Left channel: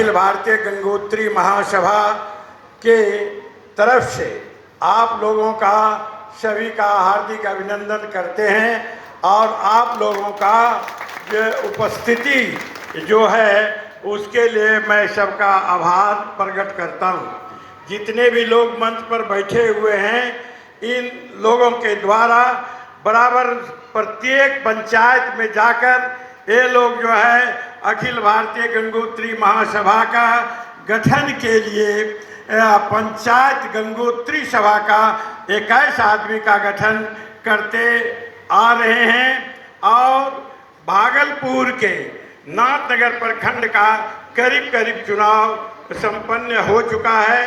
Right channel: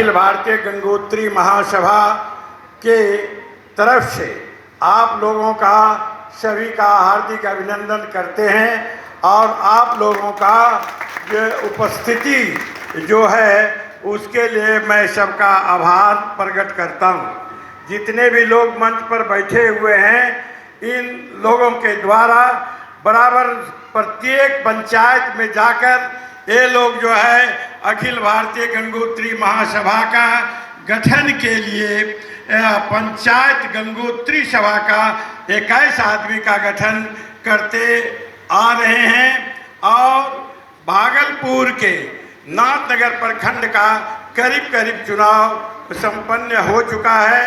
अखिल भारतीय गंगोत्री महासभा के तरफ से आप लोगों का सभी का हार्दिक अभिनंदन करते हैं और आप लोगों का जो उपस्थिति जो है उसके लिए मैं सबका आभार प्रकट करता हूँ। जितने भी लोग मंच पर बैठे हुए हैं, इन लोगों के द्वारा बराबर प्रत्येक पंचायत में जाकर ये लोग जो है अखिल भारतीय गंगोत्री महासभा का गठन के लिए पंचायत गंगोत्री सभा का 21 आदमी का गठन करते आ रहे हैं और भागलपुर के नाथनगर प्रखंड का करीब चुनाव संपन्न हो चुका है।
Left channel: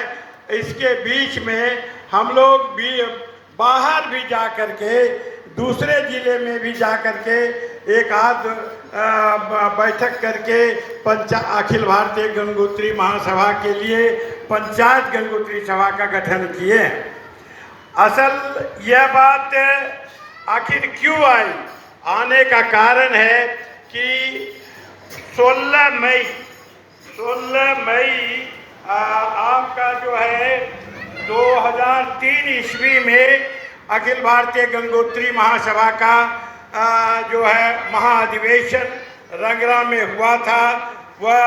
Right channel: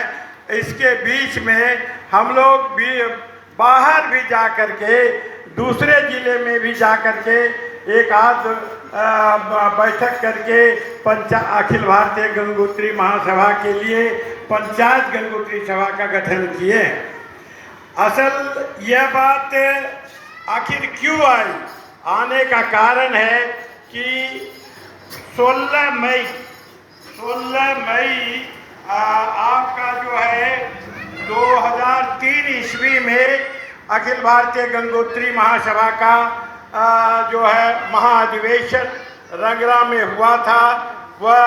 इसके बीच में हम लोग भी बाहर भी जा कर के दूसरे जिले में भी जा कर के एक आध बैठक करके अखिल भारतीय गंगोत्री महासभा के लिए पंचायत गंगोत्री सभा का गठन किए। असल यह बात आखिर क्यों आई, आने का कारण है कि 16 मई आपका जो है 2003 ईस्वी में अखिल भारतीय गंगोत्री महासभा का जो है महाअधिवेशन रंगरा में हुआ था, वह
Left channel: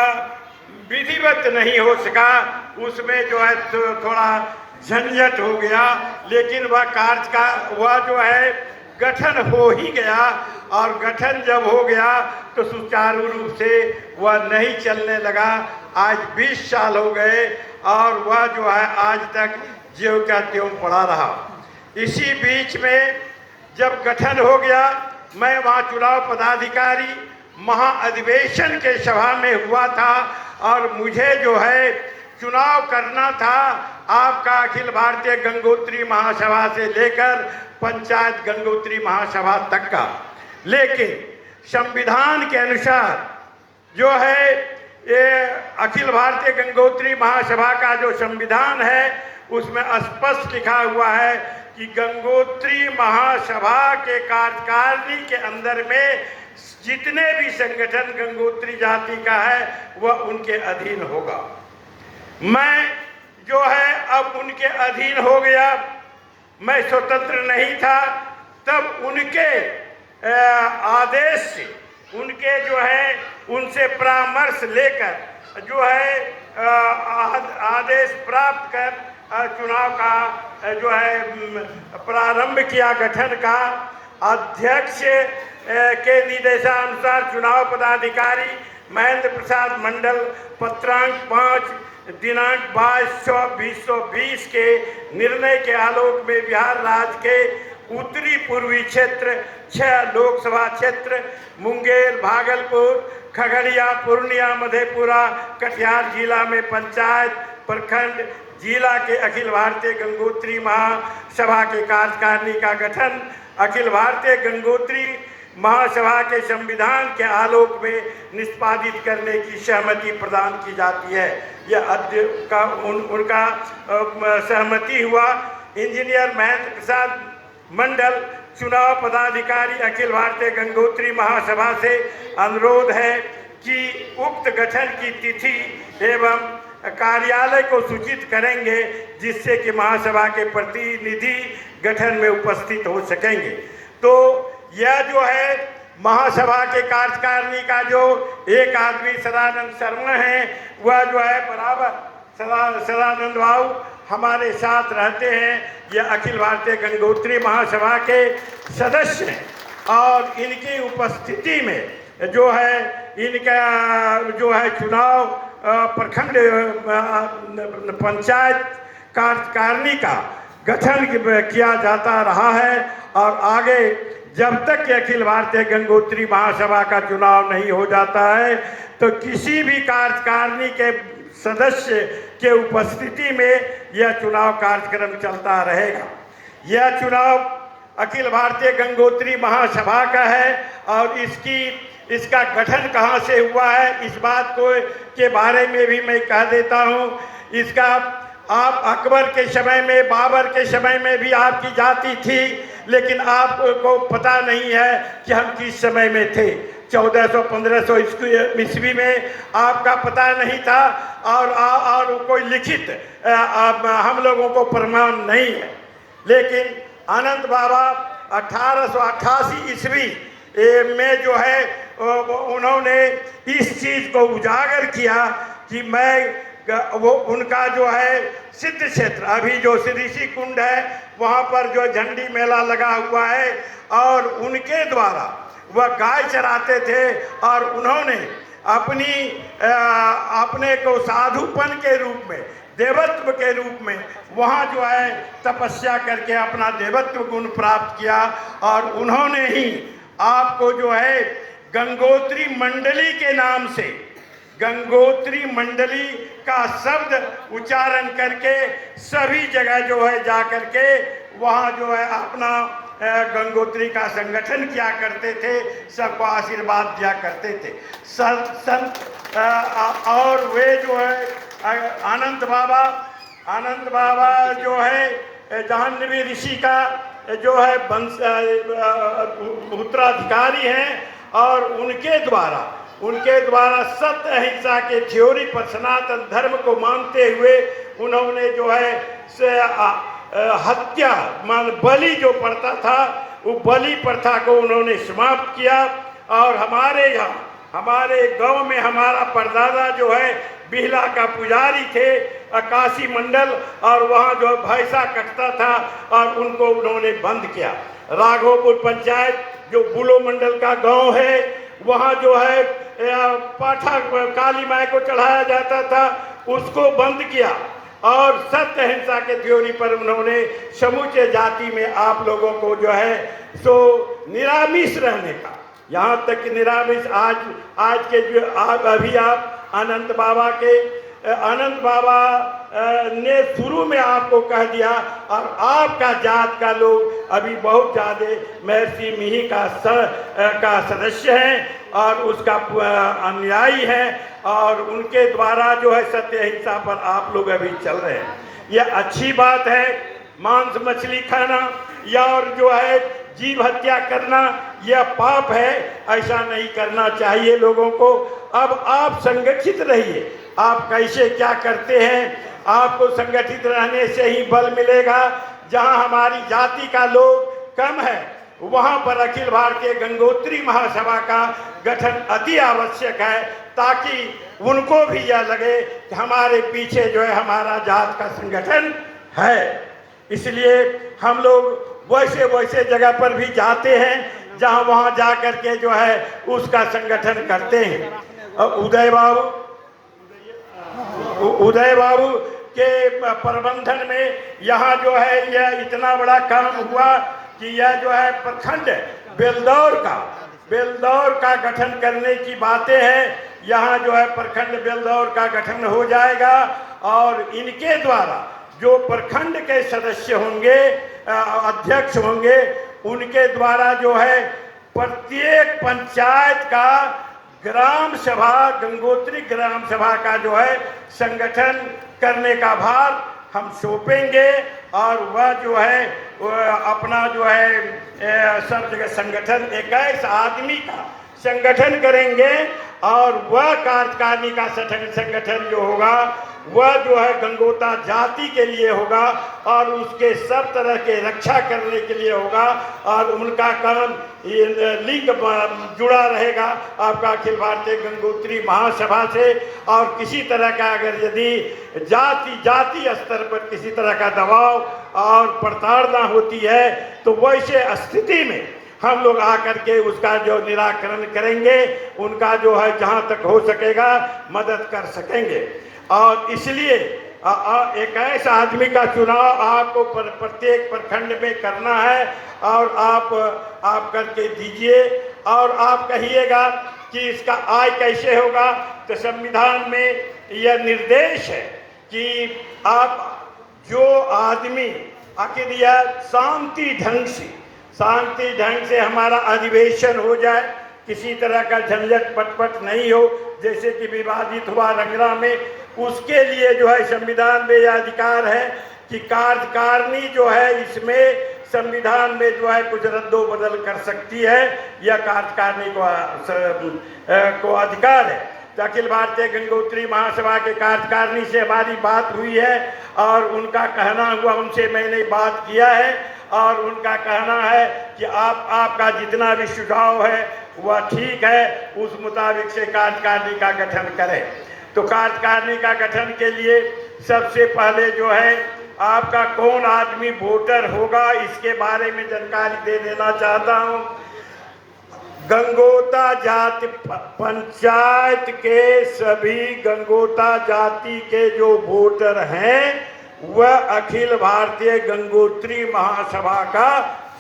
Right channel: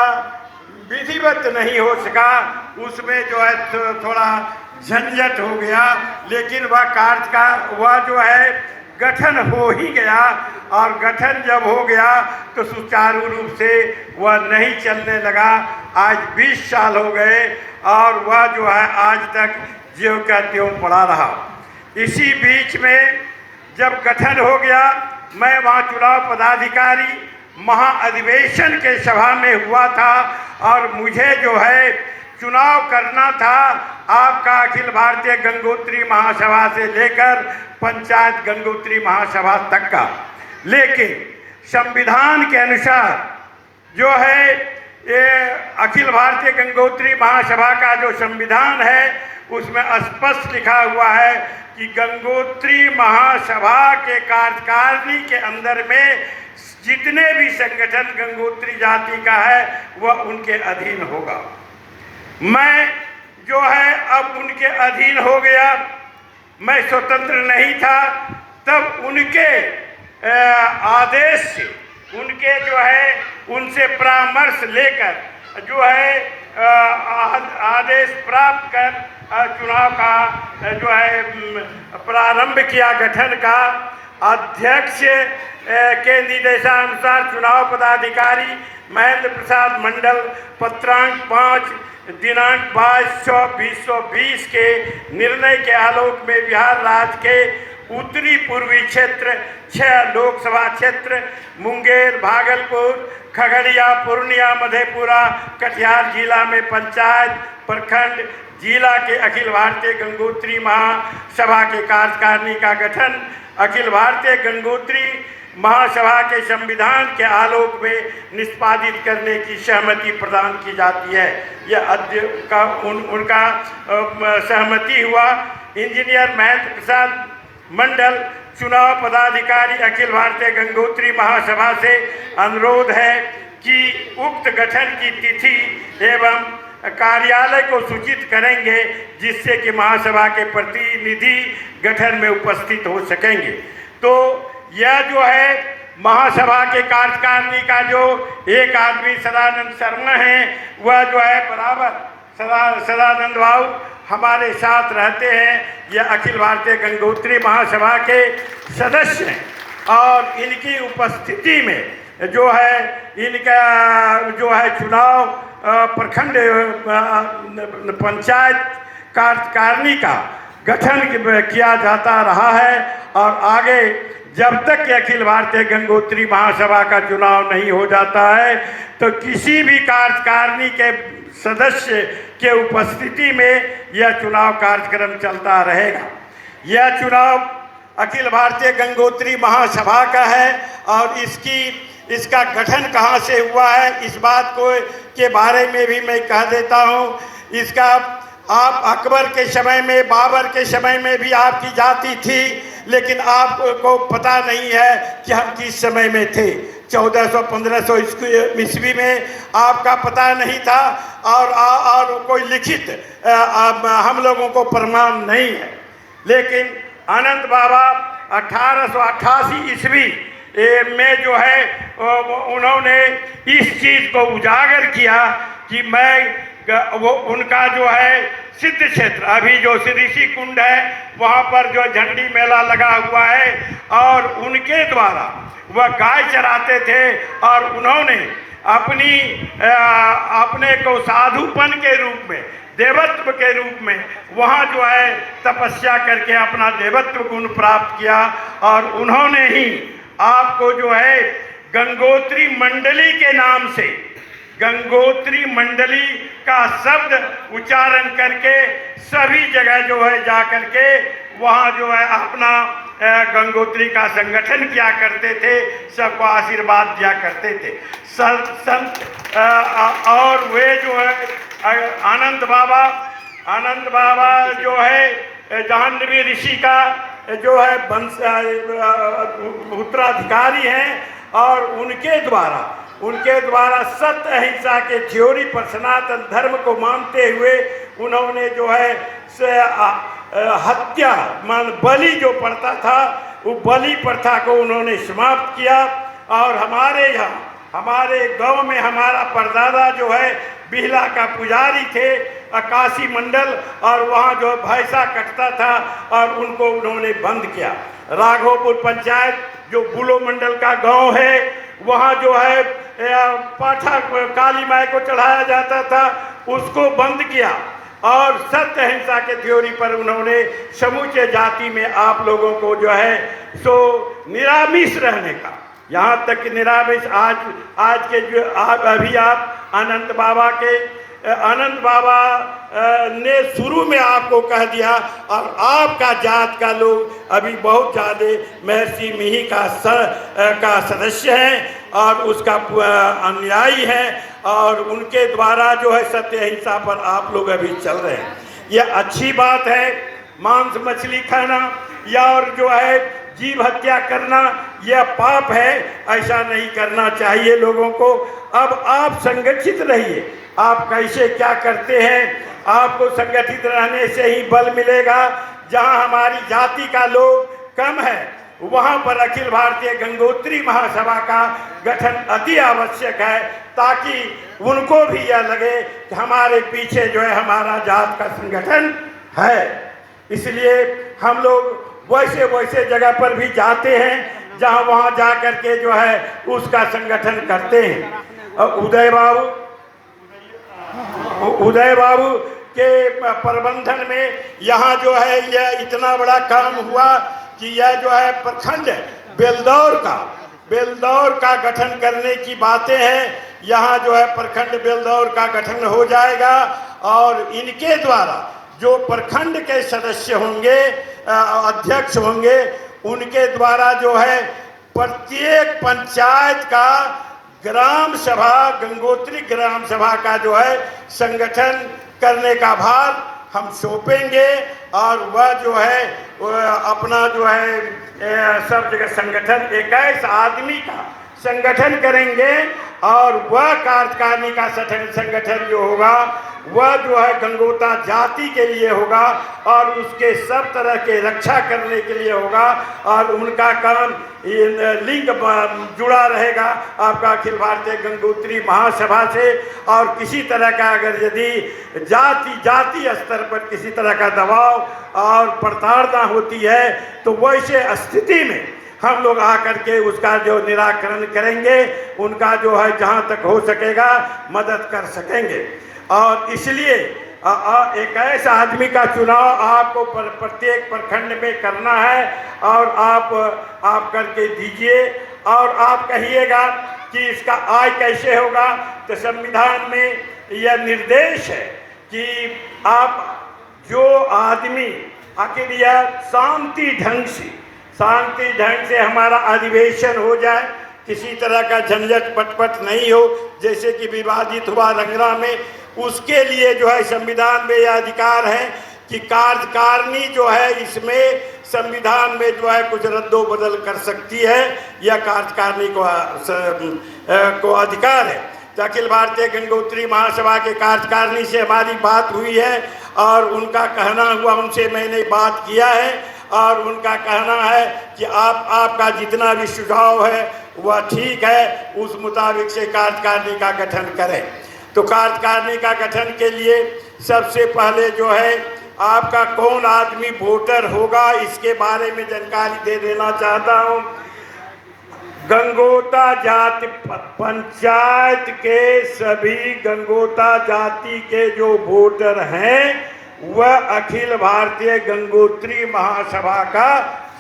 विधिवत नहीं हो सका। उसमें जो है थोड़ा झंझट हो गया, लेकिन वह जो है गठन हो ही गया और गठन जब हो गया तो सुचारू रूप से वह नहीं चलने लगा। आज 20 साल हो गए और वह जो है आज तक ज्यों का त्यों पड़ा रहा। इसी बीच में जब गठन हो गया, मैं वहाँ चुनाव पदाधिकारी महाअधिवेशन के सभा में हुआ था और मुझे जो है चुनाव करना था आपका अखिल भारतीय गंगोत्री महासभा से लेकर पंचायत गंगोत्री महासभा तक का। लेकिन संविधान के अनुसार जो है ये अखिल भारतीय गंगोत्री महासभा का जो संविधान है उसमें स्पष्ट लिखा हुआ है कि गंगोत्री महासभा के कार्यकारिणी के अंदर में जितने भी संगठन गंगोत्री जाति का है वह उनके अधीन होगा। मैं जो है अब उनके अधीन हो गया। मैं स्वतंत्र नहीं था, तब उनके आदेश से, उनके जो है उनसे परामर्श लेकर जो है आदेश प्राप्त कर चुनाव का जो है प्रारंभ किया। गठन का अध्यक्ष के निर्देशानुसार चुनाव पदाधिकारी महेंद्र प्रसाद मंडल पत्रांक 5 दिनांक 22/6/2020 के निर्णय के आलोक में बिहार राज्य के उत्तरी पूर्वी क्षेत्र 6 लोकसभा क्षेत्र मुंगेर, भागलपुर, खगड़िया, पूर्णिया, मधेपुरा, कटिहार जिला में पंचायत प्रखंड जिला के अखिल भारतीय गंगोत्री महासभा के कार्यकारिणी का गठन अखिल भारतीय गंगोत्री महासभा के संविधान के आलोक में निष्पादित करने की सहमति प्रदान की जाती है। यह अध्यक्ष का उनका सहमति हुआ। इंजीनियर महेंद्र प्रसाद मंडल चुनाव पदाधिकारी अखिल भारतीय गंगोत्री महासभा से अनुरोध है कि उक्त गठन की तिथि एवं कार्यालय को सूचित करेंगे, जिससे कि महासभा के प्रतिनिधि गठन में उपस्थित हो सकेंगे। तो यह जो है महासभा के कार्यकारिणी का जो एक आदमी सदानंद शर्मा है, वह जो है बराबर सदानंद बाबू हमारे साथ रहते हैं। यह अखिल भारतीय गंगोत्री महासभा के सदस्य हैं और इनकी उपस्थिति में जो है इनका जो है चुनाव प्रखंड पंचायत कार्यकारिणी का गठन किया जाता रहा है और आगे जब तक कि अखिल भारतीय गंगोत्री महासभा का चुनाव नहीं हो जाता है तो किसी भी कार्यकारिणी के सदस्य के उपस्थिति में यह चुनाव कार्यक्रम चलता रहेगा। यह चुनाव अखिल भारतीय गंगोत्री महासभा का है और इसका गठन कहाँ से हुआ है इस बात को के बारे में भी मैं कह देता हूँ। इसका आप अकबर के समय में, बाबर के समय में भी आपकी जाति थी, लेकिन आपको पता नहीं है कि हम किस समय में थे। 1400-1500 ईस्वी में आपका पता नहीं था और कोई लिखित हम लोगों को प्रमाण नहीं है। लेकिन अनंत बाबा 1888 ईस्वी में जो है उन्होंने इस चीज़ को उजागर किया कि वो उनका जो है सिद्ध क्षेत्र, अभी जो ऋषि कुंड है वहाँ पर जो झंडी मेला लगा हुआ है, और उनके द्वारा वह गाय चराते थे और उन्होंने अपने को साधुपन के रूप में, देवत्व के रूप में वहाँ जो है तपस्या करके अपना देवत्व गुण प्राप्त किया। और उन्होंने ही आपको जो है गंगोत्री मंडली के नाम से, गंगोत्री मंडली का शब्द उच्चारण करके सभी जगह जो है जा करके वहाँ जो है अपना गंगोत्री का संगठन किया करते थे, सबको आशीर्वाद दिया करते थे। संत और वे जो है आनंद बाबा जो है जाह्नवी ऋषि का जो है वंश उत्तराधिकारी हैं, और उनके द्वारा सत्य अहिंसा के थ्योरी पर सनातन धर्म को मानते हुए उन्होंने जो है हत्या मान बलि जो प्रथा था, वो बलि प्रथा को उन्होंने समाप्त किया। और हमारे यहाँ, हमारे गांव में हमारा परदादा जो है बिहला का पुजारी थे, काशी मंडल, और वहाँ जो भैंसा कटता था और उनको उन्होंने बंद किया। राघोपुर पंचायत जो बुलो मंडल का गांव है, वहाँ जो है पाठा काली माई को चढ़ाया जाता था, उसको बंद किया। और सत्य अहिंसा के थ्योरी पर उन्होंने समूचे जाति में आप लोगों को जो है सो निरामिष रहने का, यहाँ तक कि निरामिष आज के जो अभी आप अनंत बाबा ने शुरू में आपको कह दिया, और आपका जात का लोग अभी बहुत ज़्यादा महर्षि मिहि का सदस्य हैं और उसका अनुयायी है, और उनके द्वारा जो है सत्य अहिंसा पर आप लोग अभी चल रहे हैं। यह अच्छी बात है। मांस मछली खाना या और जो है जीव हत्या करना यह पाप है, ऐसा नहीं करना चाहिए लोगों को। अब आप संगठित रहिए। आप कैसे क्या करते हैं, आपको संगठित रहने से ही बल मिलेगा। जहां हमारी जाति का लोग कम है, वहां पर अखिल भारतीय गंगोत्री महासभा का गठन अति आवश्यक है, ताकि उनको भी यह लगे कि हमारे पीछे जो है हमारा जात का संगठन है। इसलिए हम लोग वैसे जगह पर भी जाते हैं जहां वहां जा करके जो है उसका संगठन करते हैं। उदय बाबू के प्रबंधन में यहाँ जो है यह इतना बड़ा काम हुआ कि यह जो है प्रखंड बेलदौर का गठन करने की बातें हैं। यहाँ जो है प्रखंड बेलदौर का गठन हो जाएगा, और इनके द्वारा जो प्रखंड के सदस्य होंगे, अध्यक्ष होंगे, उनके द्वारा जो है प्रत्येक पंचायत का ग्राम सभा, गंगोत्री ग्राम सभा का जो है संगठन करने का भार हम सौंपेंगे, और वह जो है अपना जो है सब जगह संगठन 21 आदमी का संगठन करेंगे, और वह कार्यकारिणी का संगठन जो होगा वह जो है गंगोता जाति के लिए होगा, और उसके सब तरह के रक्षा करने के लिए होगा, और उनका काम लिंग जुड़ा रहेगा आपका अखिल भारतीय गंगोत्री महासभा से। और किसी तरह का अगर यदि जाति स्तर पर किसी तरह का दबाव और प्रताड़ना होती है, तो वैसे स्थिति में हम लोग आकर के उसका जो निराकरण करेंगे, उनका जो है जहाँ तक हो सकेगा मदद कर सकेंगे। और इसलिए एक ऐसा आदमी का चुनाव आपको प्रत्येक प्रखंड में करना है, और आप करके दीजिए। और आप कहिएगा कि इसका आय कैसे होगा, तो संविधान में यह निर्देश है कि आप जो आदमी आखिर यह शांति ढंग से हमारा अधिवेशन हो जाए, किसी तरह का झंझट पटपट नहीं हो, जैसे कि विवादित हुआ रंगरा में, उसके लिए जो है संविधान में यह अधिकार है कि कार्यकारिणी जो है इसमें संविधान में जो है कुछ रद्दो बदल कर सकती है, यह कार्यकारिणी को अधिकार है। तो अखिल भारतीय गंगोत्री महासभा के कार्यकारिणी से हमारी बात हुई है और उनका कहना हुआ, उनसे मैंने बात किया है और उनका कहना है कि आपका जितना भी सुझाव है वह ठीक है, उस मुताबिक से कार्यकारिणी का गठन करें। तो कार्यकारिणी का गठन के लिए सबसे पहले जो है आपका कौन आदमी वोटर होगा इसके बारे में जानकारी दे देना चाहता हूँ। गंगोता जाति पंचायत के सभी गंगोता जाति के जो वोटर हैं वह अखिल भारतीय गंगोत्री महासभा का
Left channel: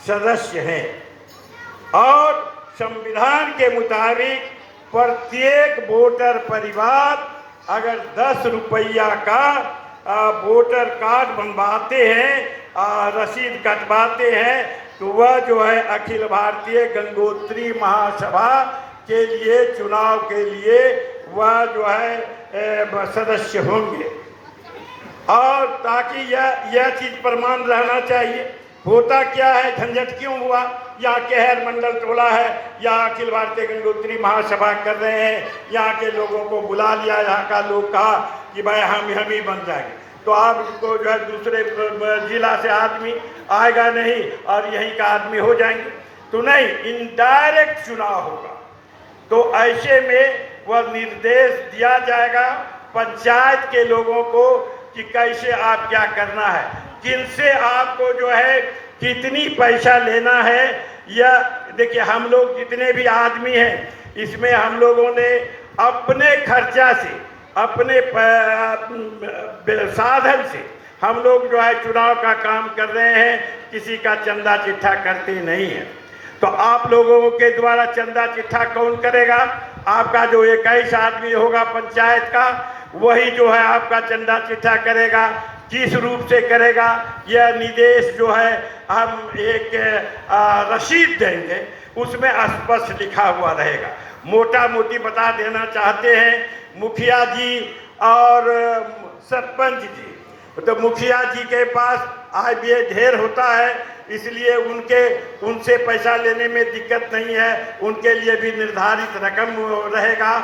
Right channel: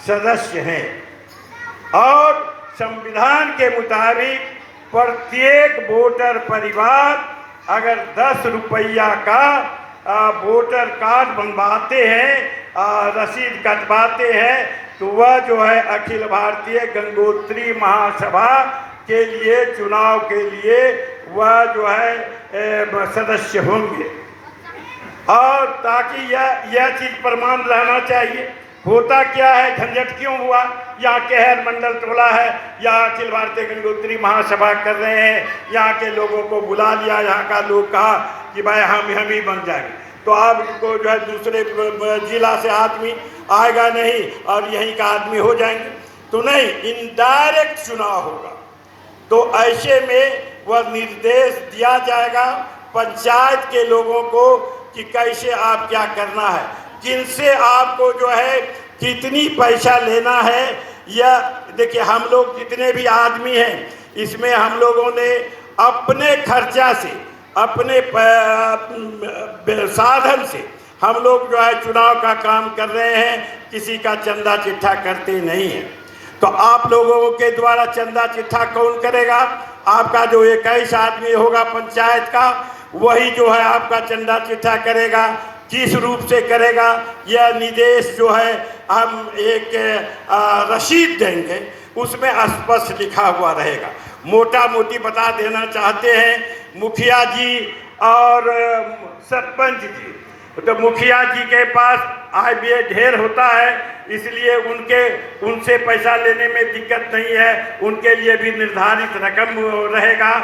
सदस्य हैं और संविधान के मुताबिक प्रत्येक वोटर परिवार अगर 10 रुपया का वोटर कार्ड बनवाते हैं, रसीद कटवाते हैं, तो वह जो है अखिल भारतीय गंगोत्री महासभा के लिए चुनाव के लिए वह जो है सदस्य होंगे। और ताकि यह चीज़ प्रमाण रहना चाहिए। होता क्या है, झंझट क्यों हुआ, यहाँ केहर मंडल टोला है, यहाँ अखिल भारतीय गंगोत्री महासभा कर रहे हैं, यहाँ के लोगों को बुला लिया, यहाँ का लोग कहा कि भाई हम ही बन जाएंगे, तो अब को जो है दूसरे जिला से आदमी आएगा नहीं और यहीं का आदमी हो जाएंगे, तो नहीं, इनडायरेक्ट चुनाव होगा। तो ऐसे में वह निर्देश दिया जाएगा पंचायत के लोगों को कि कैसे आप क्या करना है, किनसे आपको जो है कितनी पैसा लेना है। या देखिए, हम लोग जितने भी आदमी हैं इसमें हम लोगों ने अपने खर्चा से, अपने साधन से हम लोग जो है चुनाव का काम कर रहे हैं, किसी का चंदा चिट्ठा करते नहीं है। तो आप लोगों के द्वारा चंदा चिट्ठा कौन करेगा? आपका जो 21 आदमी होगा पंचायत का, वही जो है आपका चंदा चिट्ठा करेगा। किस रूप से करेगा, यह निर्देश जो है हम एक रसीद देंगे, उसमें स्पष्ट लिखा हुआ रहेगा। मोटा मोटी बता देना चाहते हैं, मुखिया जी और सरपंच जी, तो मुखिया जी के पास आय व्यय ढेर होता है, इसलिए उनसे पैसा लेने में दिक्कत नहीं है, उनके लिए भी निर्धारित रकम रहेगा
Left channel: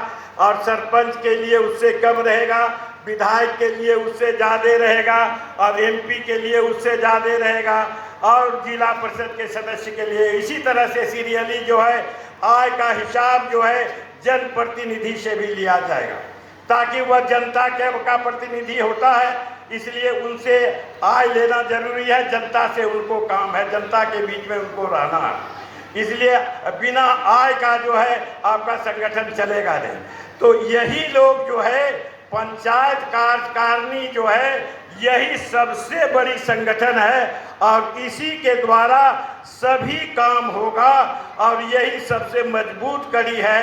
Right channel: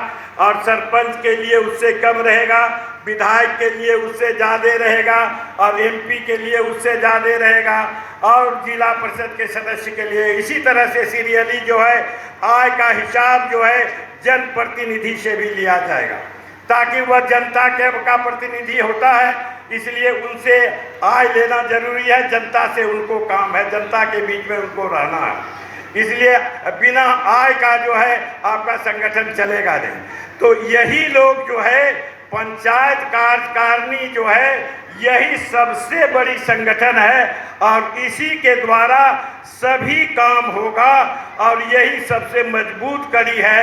और सरपंच के लिए उससे कम रहेगा, विधायक के लिए उससे ज़्यादा रहेगा और एमपी के लिए उससे ज़्यादा रहेगा और जिला परिषद के सदस्य के लिए इसी तरह से सीरियली जो है आय का हिसाब जो है जनप्रतिनिधि से भी लिया जाएगा, ताकि वह जनता का प्रतिनिधि होता है, इसलिए उनसे आय लेना जरूरी है। जनता से उनको काम है, जनता के बीच में उनको रहना है, इसलिए बिना आय का जो है आपका संगठन चलेगा नहीं। तो यही लोग जो है पंचायत कार्यकारिणी जो है यही सबसे बड़ी संगठन है और इसी के द्वारा सभी काम होगा और यही सबसे मजबूत कड़ी है।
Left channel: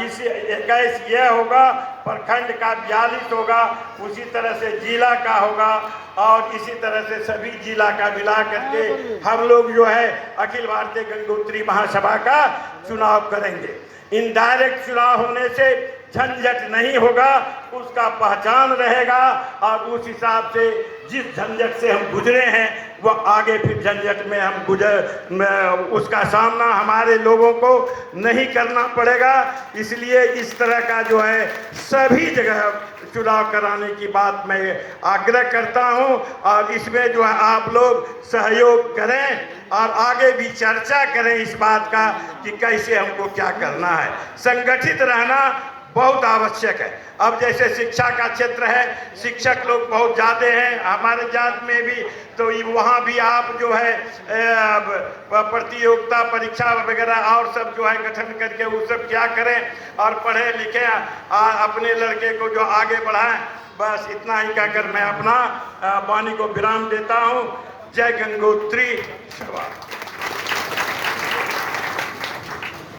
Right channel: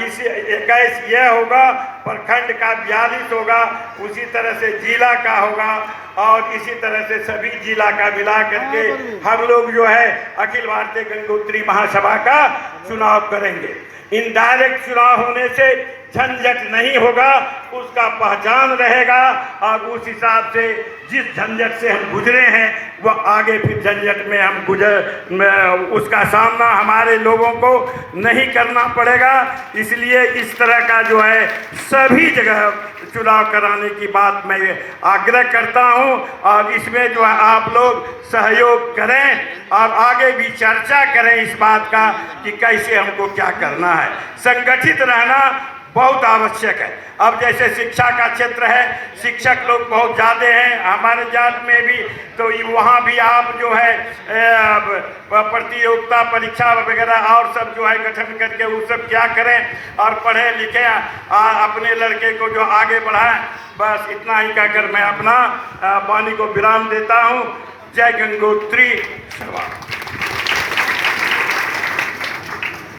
इसी 21 यह होगा, प्रखंड का 42 होगा, उसी तरह से जिला का होगा और इसी तरह से सभी जिला का मिला करके हम लोग जो है अखिल भारतीय गंगोत्री महासभा का चुनाव करेंगे। इनडायरेक्ट चुनाव होने से झंझट नहीं होगा, उसका पहचान रहेगा और उस हिसाब से जिस झंझट से हम गुजरे हैं वह आगे फिर झंझट में हम उसका सामना हमारे लोगों को नहीं करना पड़ेगा। इसलिए इस तरह का जो है सभी जगह चुनाव कराने की बात मैं आग्रह करता हूं और इसमें जो है आप लोग सहयोग करें और आगे भी चर्चा करें इस बात का कि कैसे हमको क्या करना है। संगठित रहना बहुत आवश्यक है। अब जैसे शिक्षा का क्षेत्र है, शिक्षक लोग बहुत ज़्यादा हैं हमारे जात में भी, तो वहाँ भी आप जो है प्रतियोगिता परीक्षा वगैरह और सब जो है गठन करके वो सब क्या करें और पढ़ें लिखें, अपने लड़के को जो आगे बढ़ाएं। बस इतना ही कहकर मैं अपना वाणी को विराम देता हूँ। जय गंगोत्री।